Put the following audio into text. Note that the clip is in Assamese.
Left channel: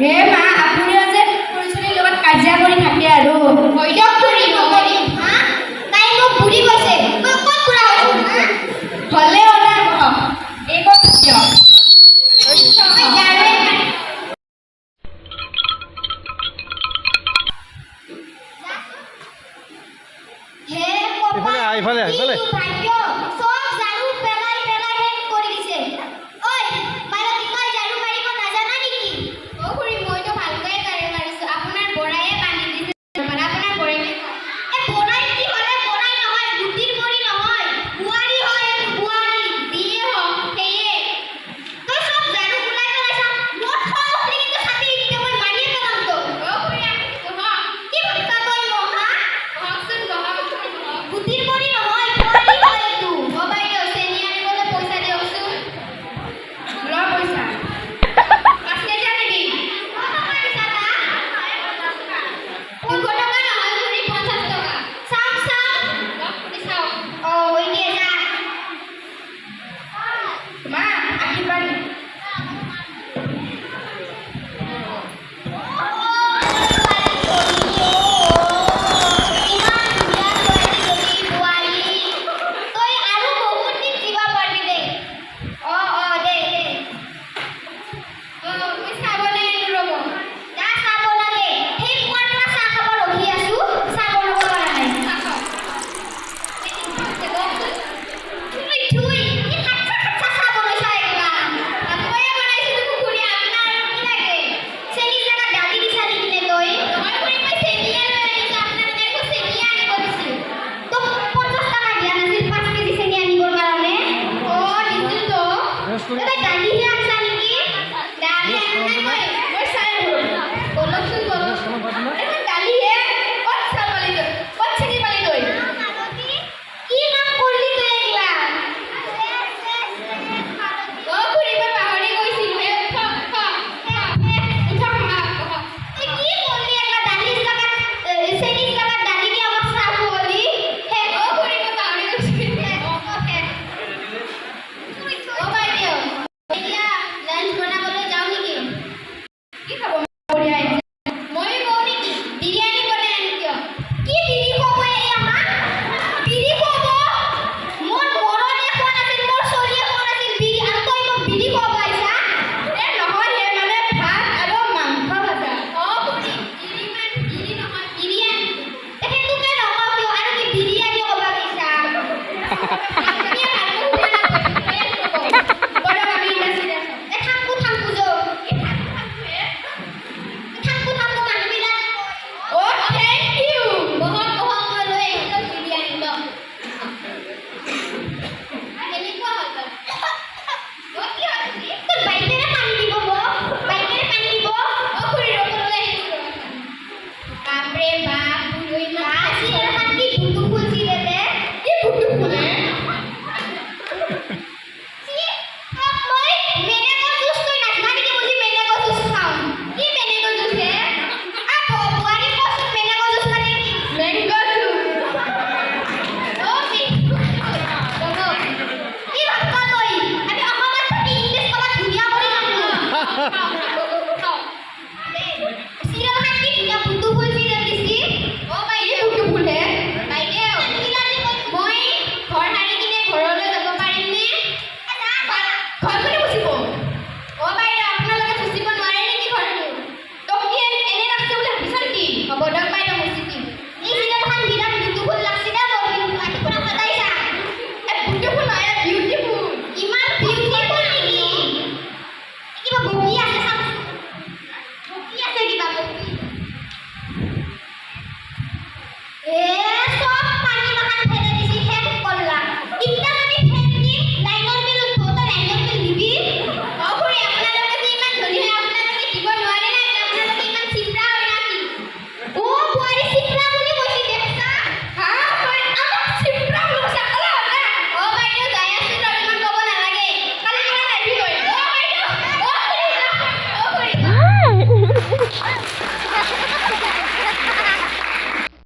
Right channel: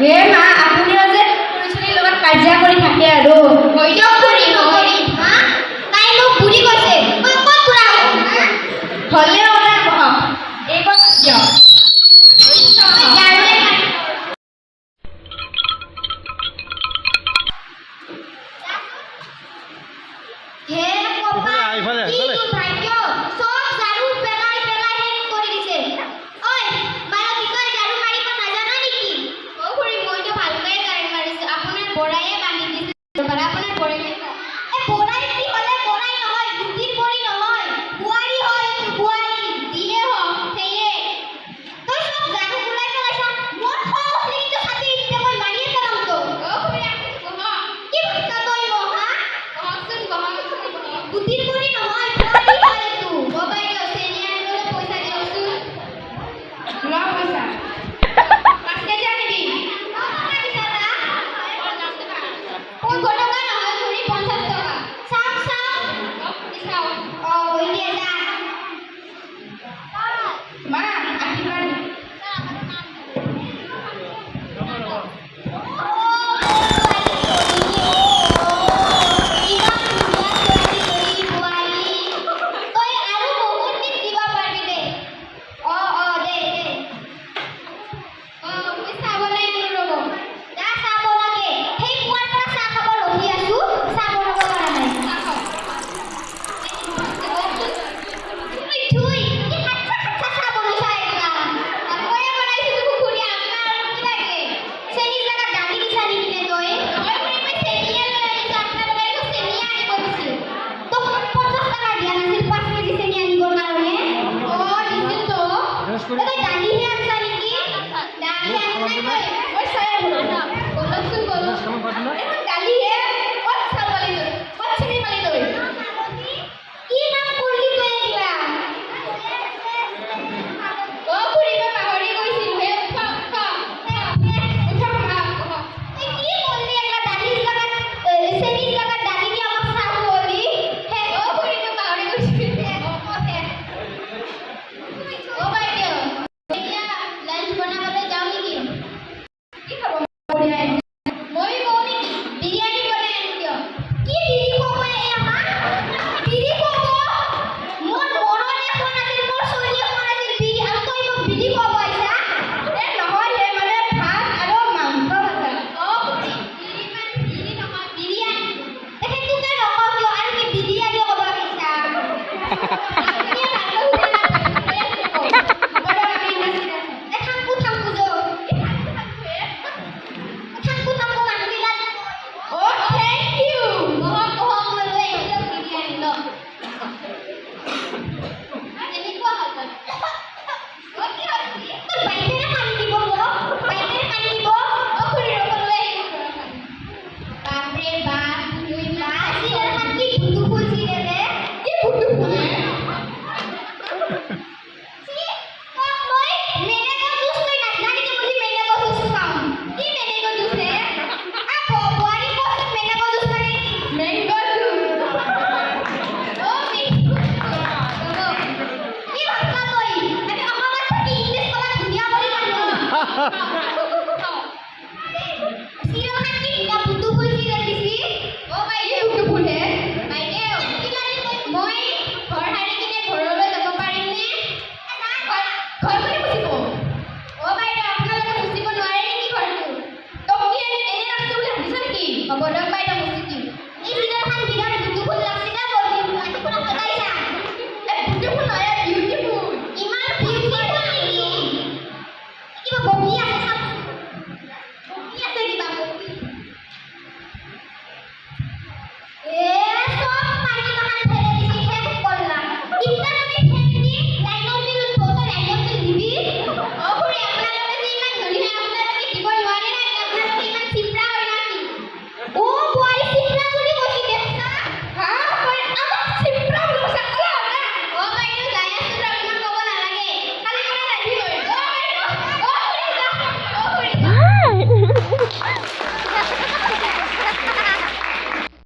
হে মা আপুনিও যে পুলিচৰ লগত কাজিয়া কৰি থাকে আৰু হৈ যাওক কৰি নকৰি হা তাই মোক বুঢ়ী কৈছে মই ক'ত বুঢ়া হৈছো হা হ'লেও না এই কথা যাওক হে কপা ইফালে ভাগ্য সব জাৰু পেলাই পেলাই শেষ কৰি দিছে ঐ মাৰক কি কয় জাৰু মাৰিব নাজানা নেকি অ খুৰী মইতো ভালকৈ জাৰু মাৰিছো আপোনাৰ বৰায়ে বান্ধি দিছে আপোনাৰ বৰাই এ বৰাই কি হলে বৰাই নহয় গুটিৰ বৰি নহয় বুৱাৰী হয় বুৱাৰী দিয়ে হ হেয়ে তই সব জাৰু ওলাই পেলাইছ মোৰ খং কিন্তু ছাতি দিতে মই মাৰিয়ে পেলাম তো অ খুৰী কি কথা কই মহা হকচোন গহা গুটিৰ বৰি নহয় বুৱাৰী হয় এইটো অ বাইদেউ চেনি আনিবলৈ পইচা দিয়কচোন লোৱা পইচা 5 কেজি আনিবি তুই কত টাকা নহয় খুৰী 50 টাকা চাম চাম চাও ও ইয়ে যা মা আশীৰ্বাদ Ha ha ha!